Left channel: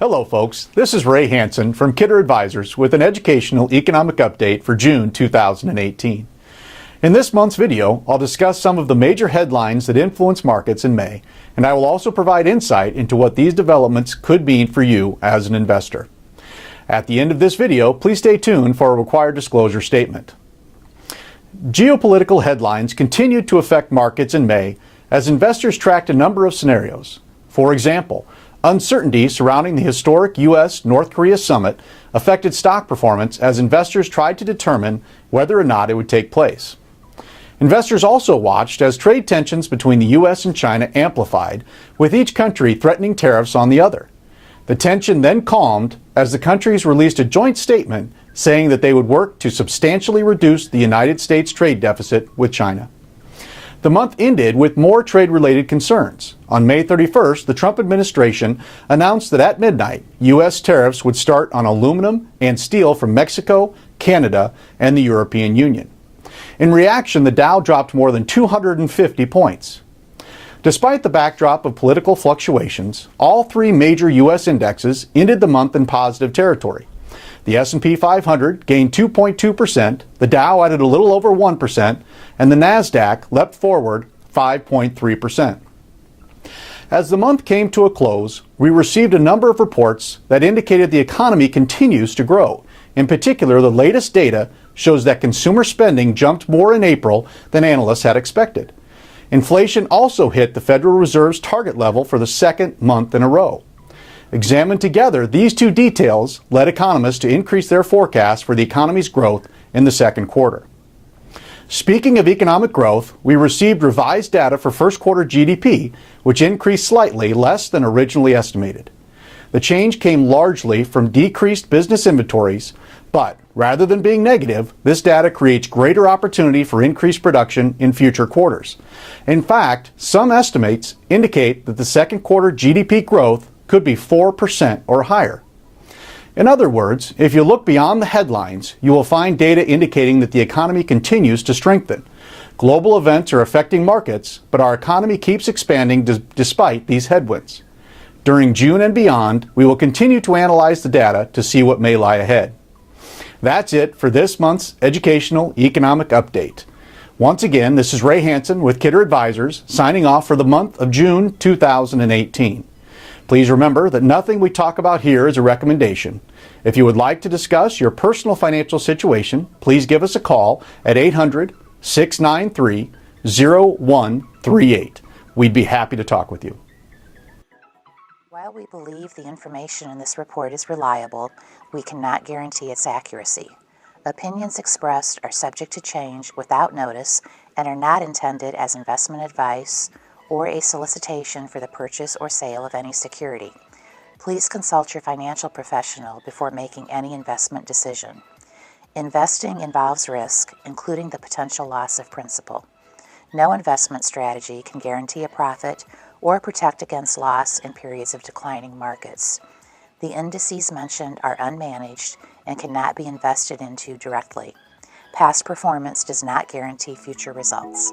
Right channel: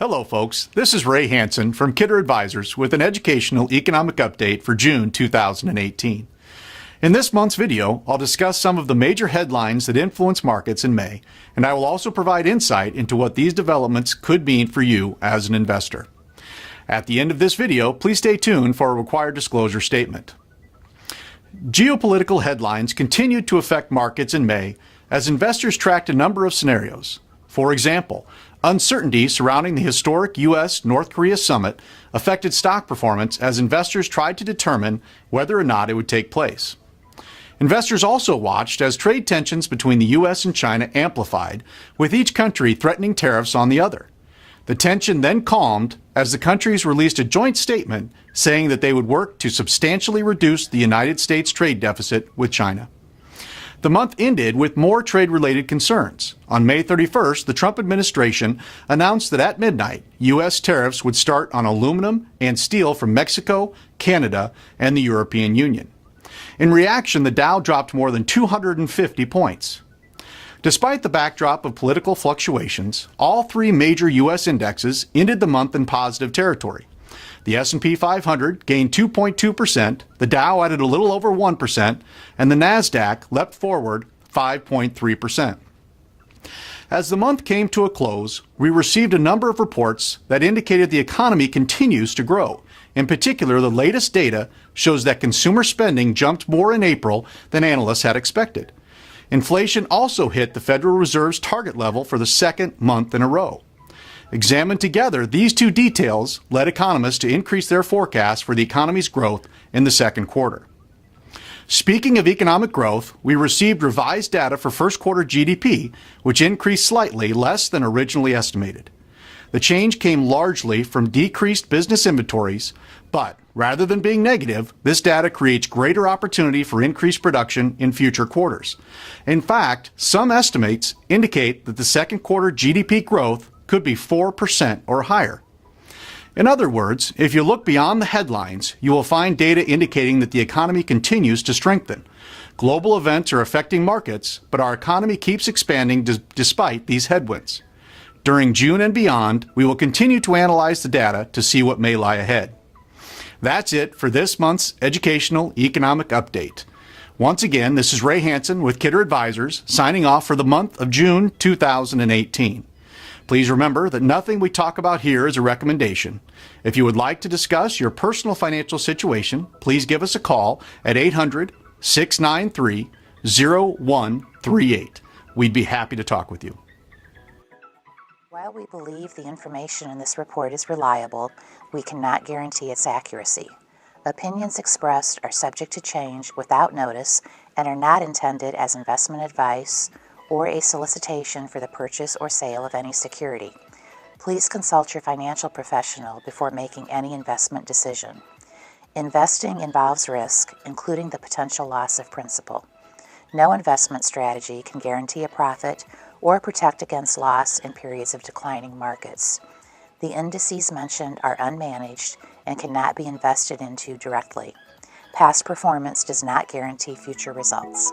Hello folks, this is Ray Hansen from Kidder Advisors with an educational economic update for June 2018. In this month's video, I'll discuss some of the major headlines that influence markets in May, and I will also provide insight into what these developments could mean for you as an investor. At the end of this video, please stay tuned for a required disclosure statement. Geopolitical headlines continued to affect markets in May as investors tracked a number of scenarios. For example, uncertainty surrounding the historic U.S.-North Korea summit affected stock performance as investors tried to determine whether or not it would take place. Investors also watched as trade tensions between the U.S. and China amplified, with each country threatening tariffs on the other. The tension then calmed as the countries released a joint statement saying that they would work to substantially reduce the United States trade deficit with China. The month ended with more trade-related concerns. On May 31st, the Trump administration announced that at midnight, U.S. tariffs would start on aluminum and steel from Mexico, Canada, and the European Union. In reaction, the Dow dropped more than 250 points. Despite the backdrop of political fluctuations, all three major U.S. indexes ended the month in positive territory. The S&P 500 gained 2.2%, the Dow added a little over 1%, and the NASDAQ leapt forward 5.3%. As the month came to a close, we received a number of reports that indicated the economy continues to grow. In particular, the latest data shows that consumer spending jumped more in April than analysts had expected. Inflation also hit the Federal Reserve's target level for the second month in a row. Examined together, these two details led economists to increase their forecast for the economy's growth in the second quarter. Speaking of economic growth, we received revised data for first quarter GDP, which increased slightly less than originally estimated. The change came largely from decreased business inventories, but rather than being negative, this data creates greater opportunity for increased production in future quarters. In fact, some estimates indicate that the second quarter GDP growth could be 4% or higher. In other words, if you look beyond the headlines, you will find data indicating that the economy continues to strengthen. Global events are affecting markets, but our economy keeps expanding despite these headwinds. During June and beyond, we will continue to analyze the data to see what may lie ahead. That's it for this month's Educational Economic Update. Once again, this is Ray Hansen with Kidder Advisors, signing off for the month of June 2018. Please remember that nothing we talk about here is a recommendation. If you would like to discuss your personal financial situation, please give us a call at 800-693-0138. We'd be happy to talk with you. While we believe the information in this report is reliable, we cannot guarantee its accuracy. Opinions expressed are subject to change without notice and are not intended as investment advice or a solicitation for the purchase or sale of any security. Please consult your financial professional before making any investment decision. Investing involves risk, including the potential loss of principal. No investment strategy can guarantee a profit or protect against loss in periods of declining markets. The indices mentioned are unmanaged and cannot be invested into directly. Past performance does not guarantee future results.